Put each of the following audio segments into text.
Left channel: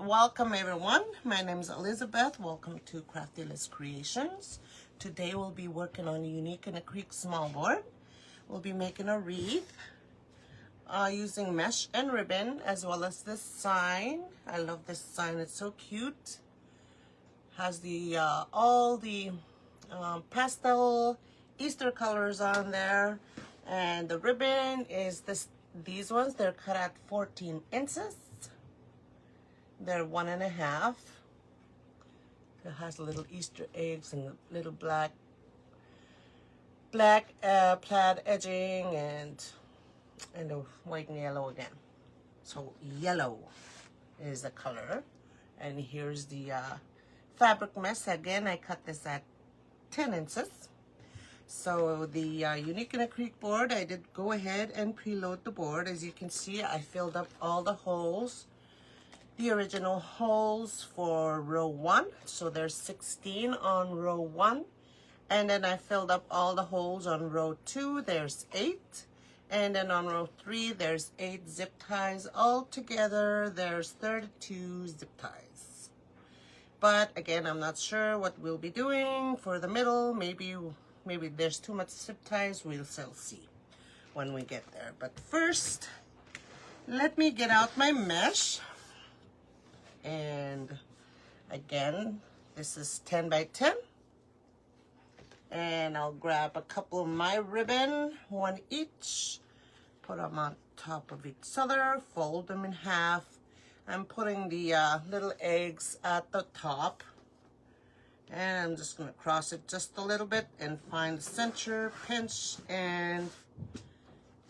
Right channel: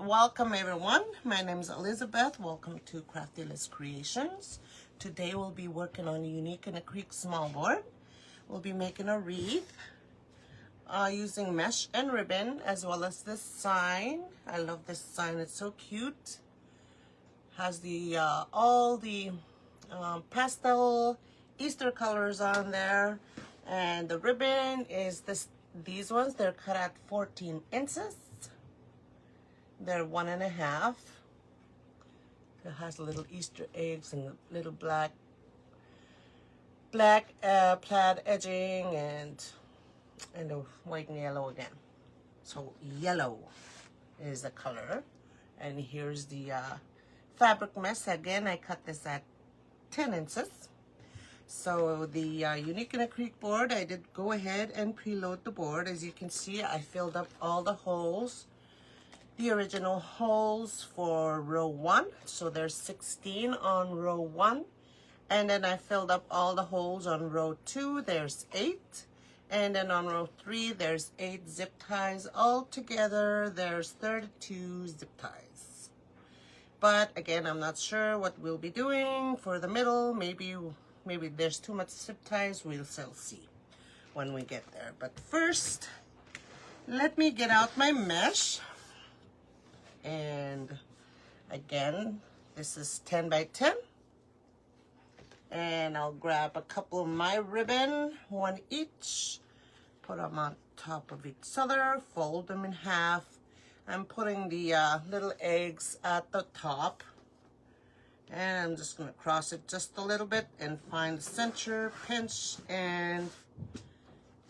Welcome everyone, my name is Elizabeth. Welcome to Cruffles Creations. Today we'll be working on a unique and a creek small board. We'll be making a wreath using mesh and ribbon, as well as this sign. I love this sign, it's so cute. Has the all the pastel Easter colors on there, and the ribbon is these ones. They're cut at 14 inches. They're 1.5. It has little Easter eggs and little black plaid edging and the white and yellow again. So yellow is the color, and here's the fabric mesh. Again, I cut this at 10 inches. So the Unique in a Creek board, I did go ahead and preload the board. As you can see, I filled up all the holes, the original holes for row 1. So there's 16 on row 1. And then I filled up all the holes on row 2. There's 8. And then on row 3, there's 8 zip ties. Altogether, there's 32 zip ties. But again, I'm not sure what we'll be doing for the middle. Maybe there's too much zip ties. We'll still see when we get there. But first, let me get out my mesh. And again, this is 10 by 10. And I'll grab a couple of my ribbon, one each, put them on top of each other, fold them in half. I'm putting the little eggs at the top, and I'm just going to cross it just a little bit and find the center, pinch, and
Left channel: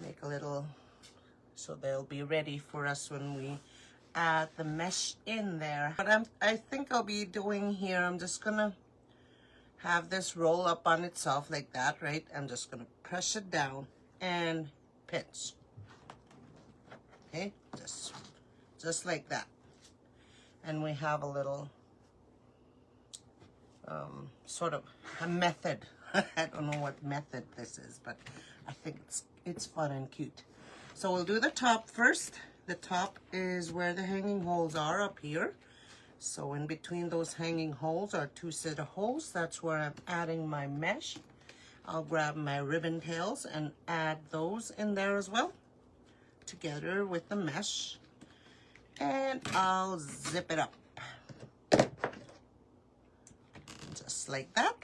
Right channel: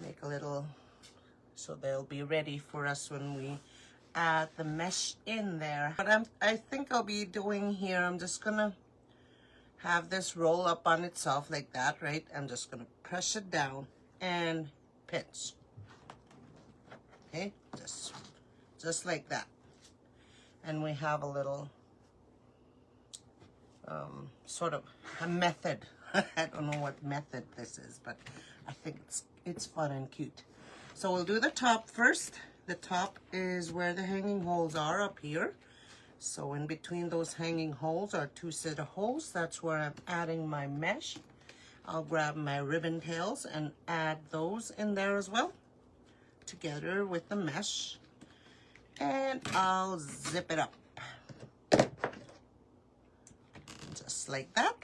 make a little, so they'll be ready for us when we add the mesh in there. But I think I'll be doing here, I'm just going to have this roll up on itself like that, right? I'm just going to press it down and pinch. Okay, just like that. And we have a little sort of a method. I don't know what method this is, but I think it's fun and cute. So we'll do the top first. The top is where the hanging holes are, up here. So in between those hanging holes are 2 set of holes. That's where I'm adding my mesh. I'll grab my ribbon tails and add those in there as well, together with the mesh. And I'll zip it up. Just like that.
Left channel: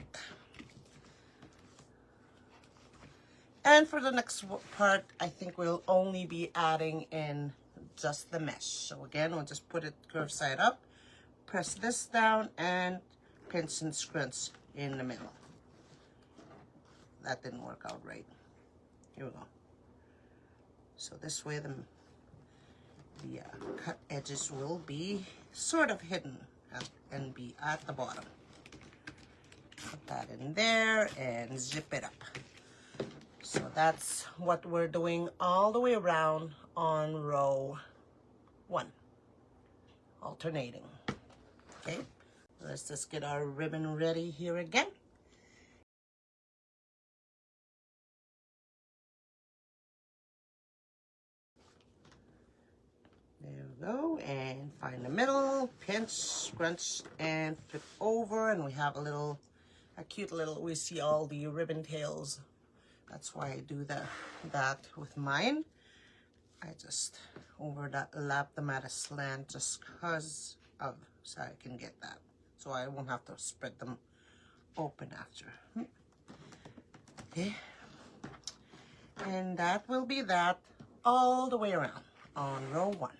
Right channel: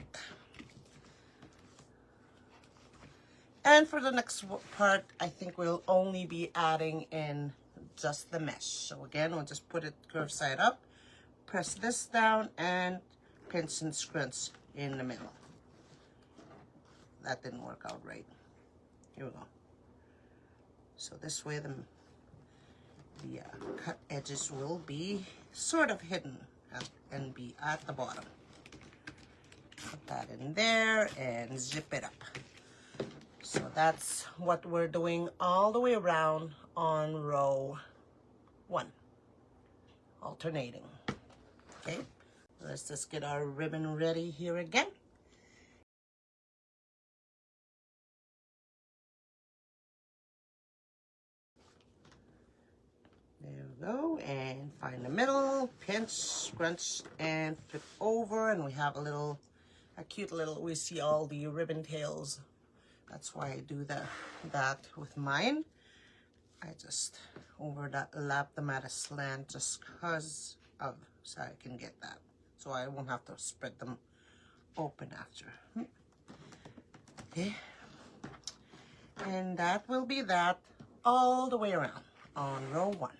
And for the next part, I think we'll only be adding in just the mesh. So again, we'll just put it curved side up. Press this down and pinch and scrunch in the middle. That didn't work out right. Here we go. So this way the cut edges will be sort of hidden and be at the bottom. Put that in there and zip it up. So that's what we're doing all the way around on row 1, alternating. Okay, let's just get our ribbon ready here again. There we go, and find the middle, pinch, scrunch, and flip over, and we have a cute little, we see all the ribbon tails. That's why I do that with mine. I just overlap them at a slant just because of, so I can get that. So I won't have to spread them open after. Okay. And that will be that all the way around on row 1.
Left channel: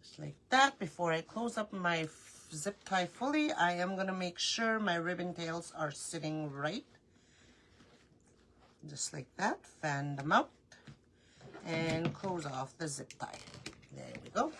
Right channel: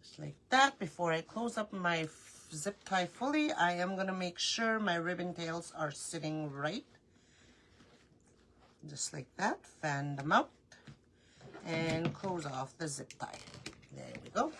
Just like that. Before I close up my zip tie fully, I am going to make sure my ribbon tails are sitting right. Just like that. Fan them out and close off the zip tie. There we go.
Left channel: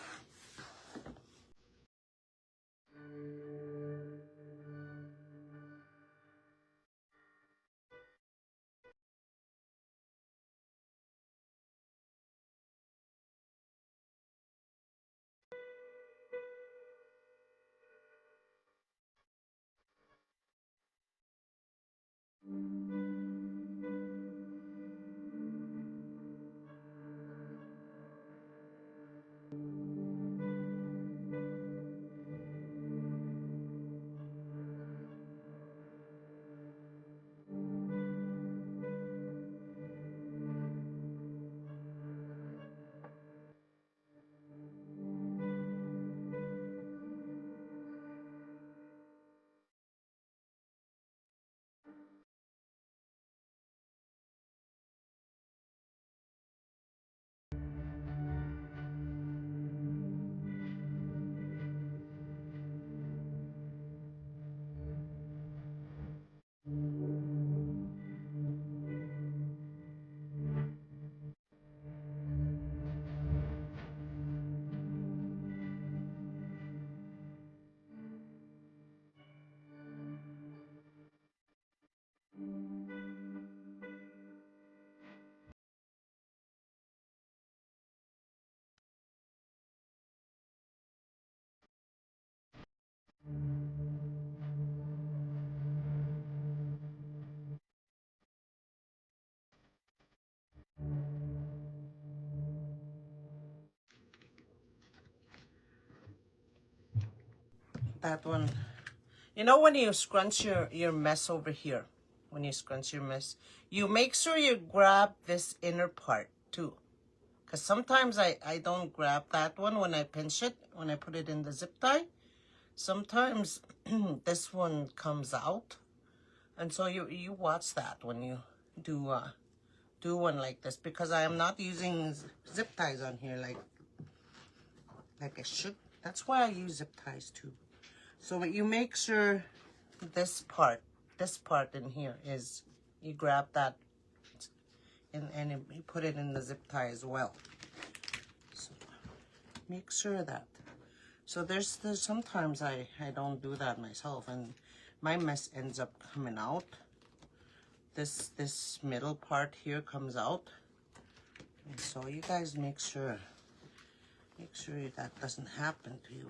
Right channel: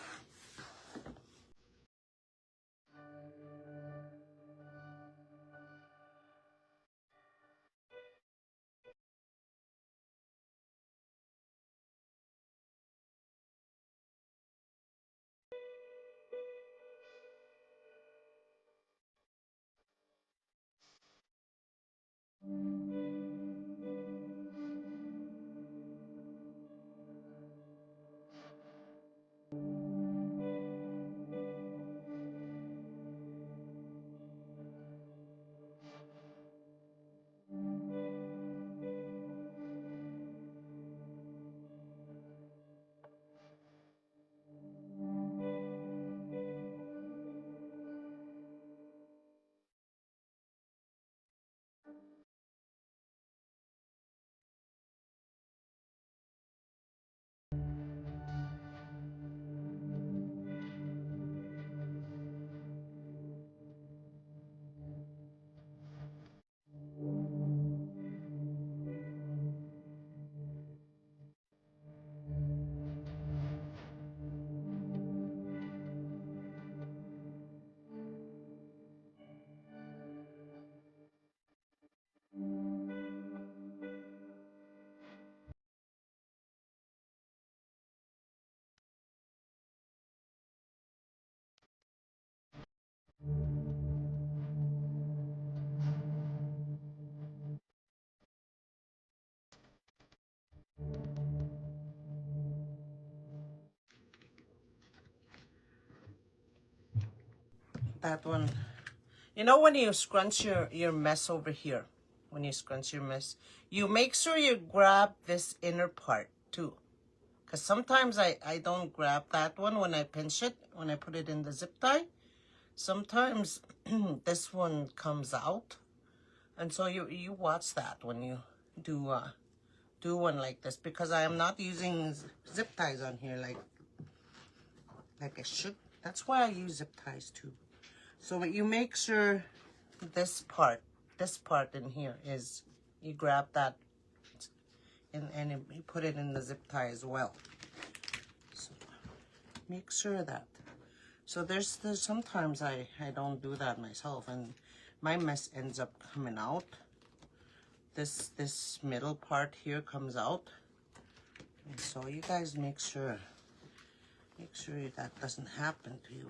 that one. You know when you scrunch your mess over here, when you scrunch your mess, you make sure you grab this inner part too. Because sometimes I don't grab that one when I pinch it, when I put it in the zip tie. Sometimes this one comes out. And so you watch that when you do one like this, because I am not using zip ties on here like I should. That's why I use zip ties too. So you make sure this part in here is, you grab that and you put it in the zip tie as well. So make sure that. So there's sometimes I don't do that myself and my mess ends up coming out. This middle part here comes out. And so you guys make sure that doesn't happen to you.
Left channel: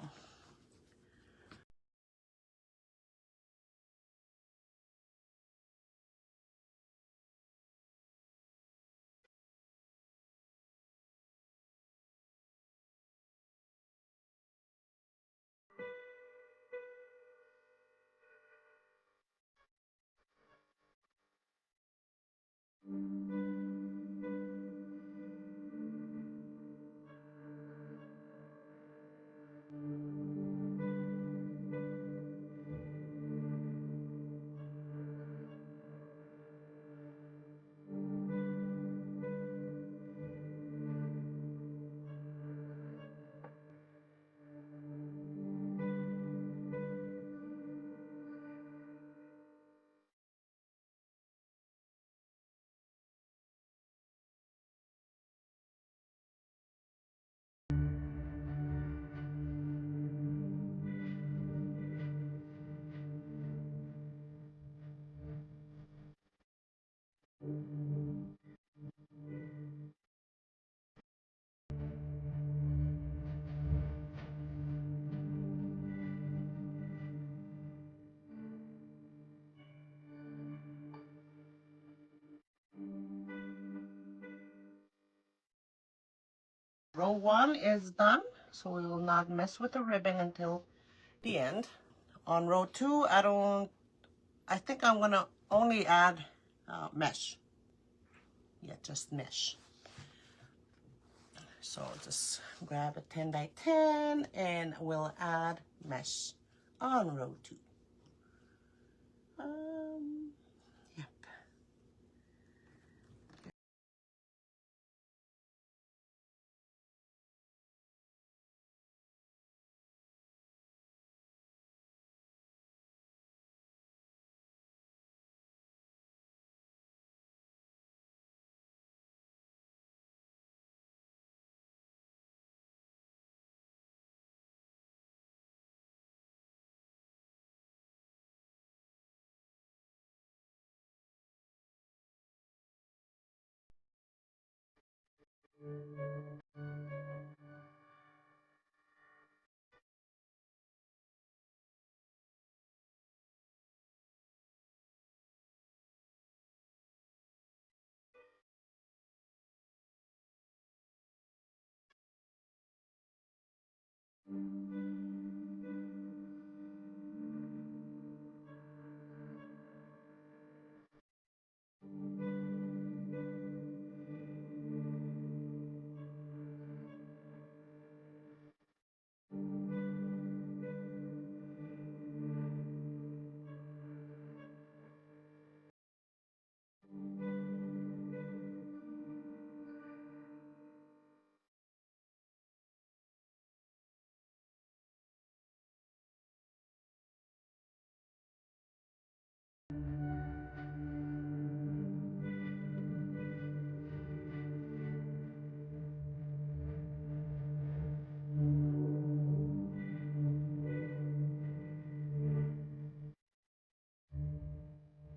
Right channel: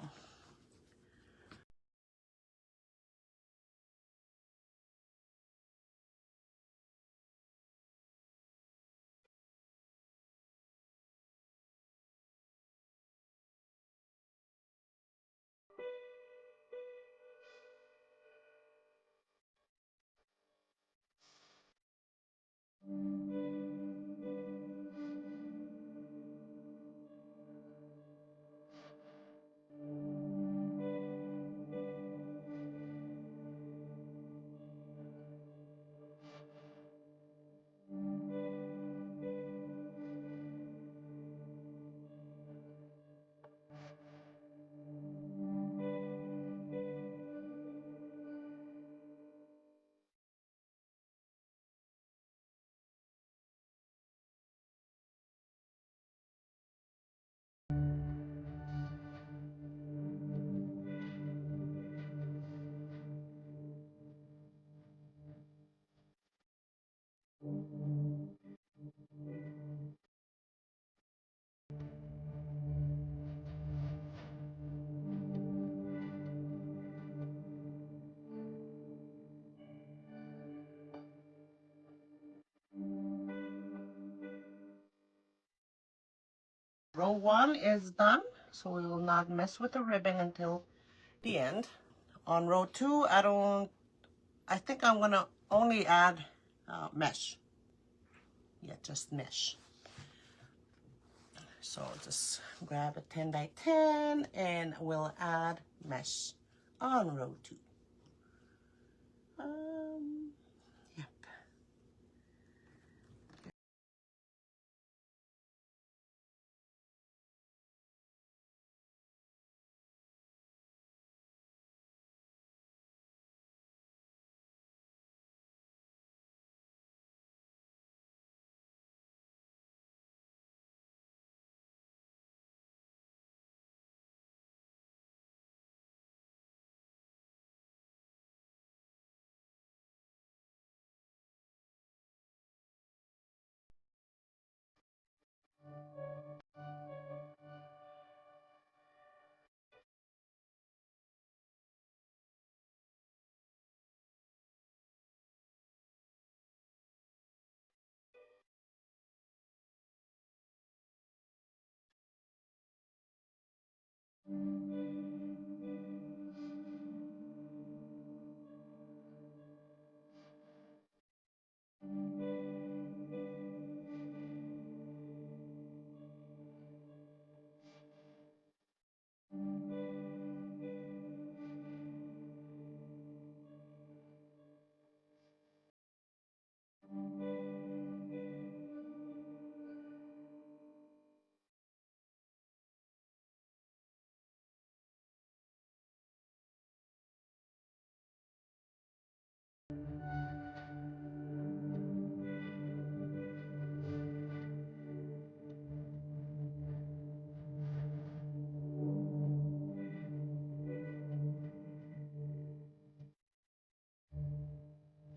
Row 1 is done, so we will not mess with the ribbon until the end. On row 2, I think I'm gonna only add mesh. Yeah, just mesh. So just grab a 10 by 10 and we'll add mesh on row 2. Yep.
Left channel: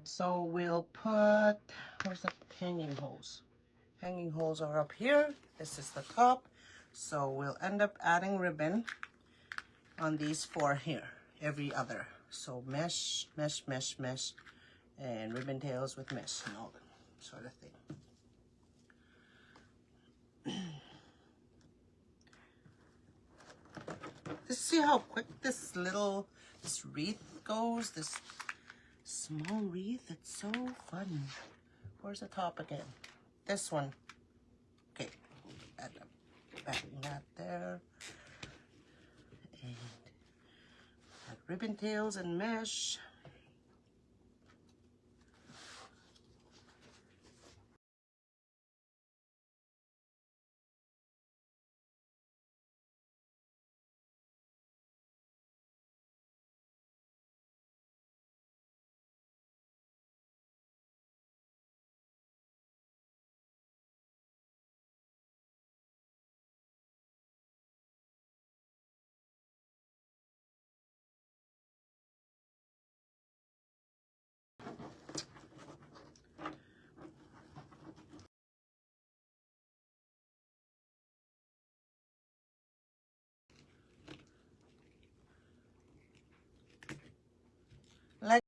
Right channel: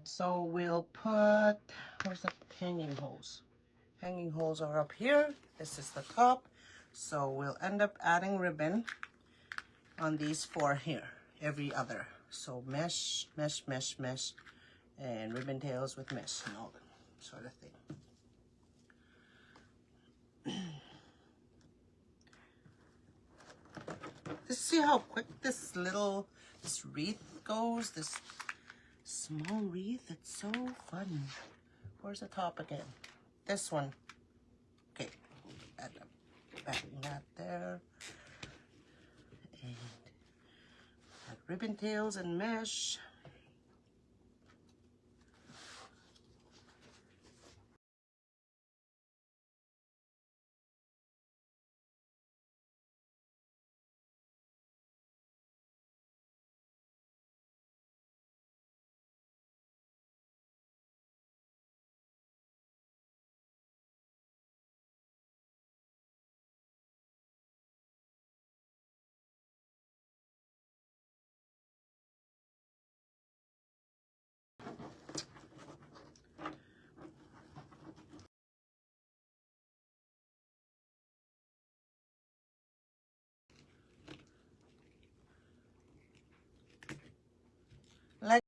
So we'll put, where's the hanging holes? Hanging holes are up here. This is the top. So we'll end up adding ribbon on these 4 here, every other. So mesh, mesh, mesh, mesh, and ribbon tails with mesh and all that sort of thing. Just see how quick this little this wreath goes. This small wreath. It's so fun. Where's the top again? This one. Okay. Add that there. And add ribbon tails and mesh. Like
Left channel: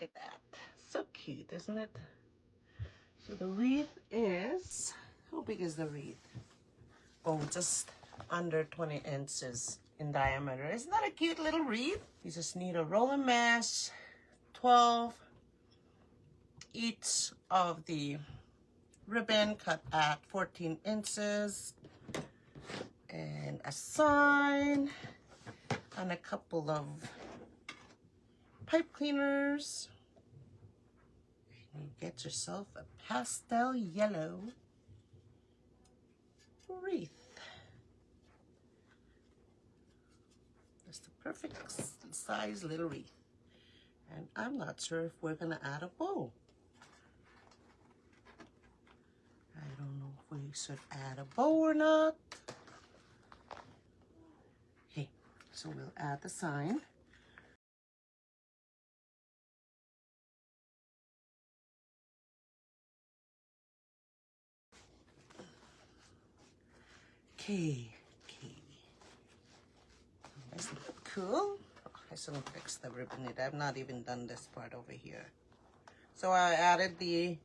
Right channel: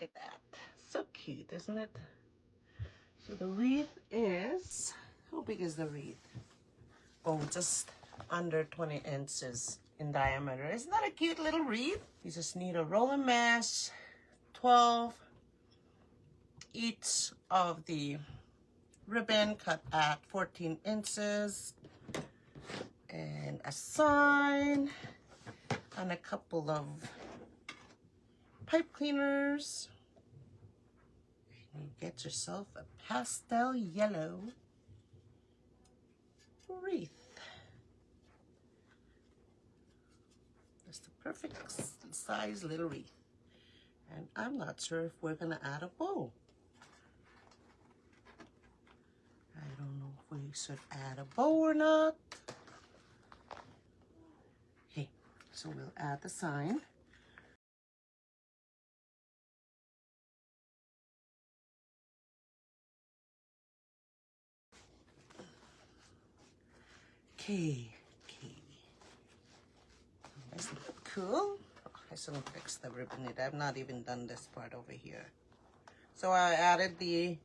look at that. So cute, isn't it? So the wreath is, how big is the wreath? Oh, just under 20 inches in diameter. Isn't that a cute little wreath? You just need a roll of mesh, 12 each of the ribbon cut at 14 inches, and a sign, and a couple of pipe cleaners. And you get yourself a pastel yellow wreath. That's the perfect size little wreath. And I'm not sure if we're gonna add a bow. I don't know if we should add a bow or not. Okay, so we'll add the sign. Okay. Does it look cool? Oh, I still fix the ribbon. I've not even done this part over here. So I added the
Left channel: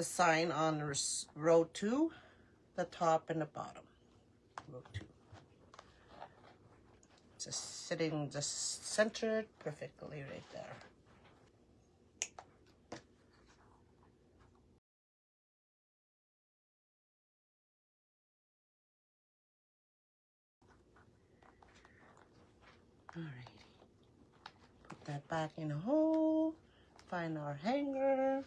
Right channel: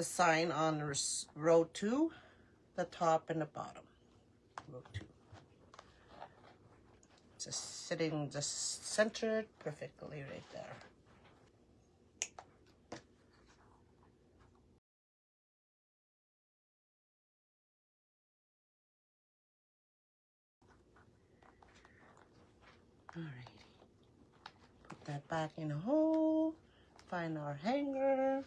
sign on row 2, the top and the bottom. Row 2. Just sitting, just centered perfectly right there. Alrighty. Put that back in a hole. Find our hanger.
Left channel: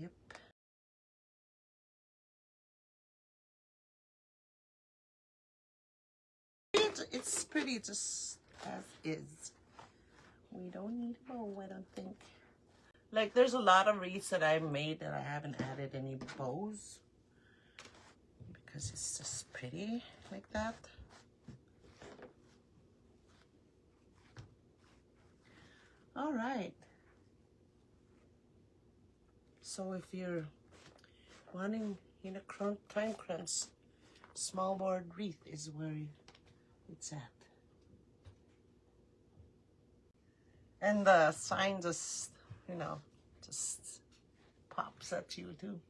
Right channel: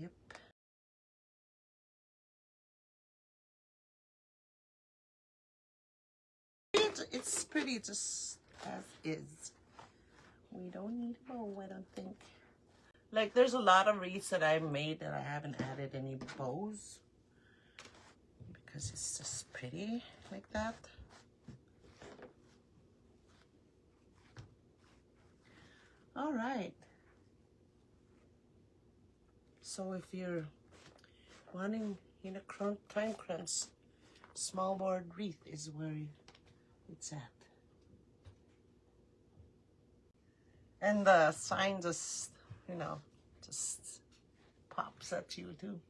Yep. It's pretty just as is. We don't need a bow, I don't think. Like, there's a lot of wreaths that I made that I haven't added any bows because it's just pretty like that. All right, So if you're wanting, you know, time crunch, small board wreath is where it's at. And the sign just, you know, just pops at you too.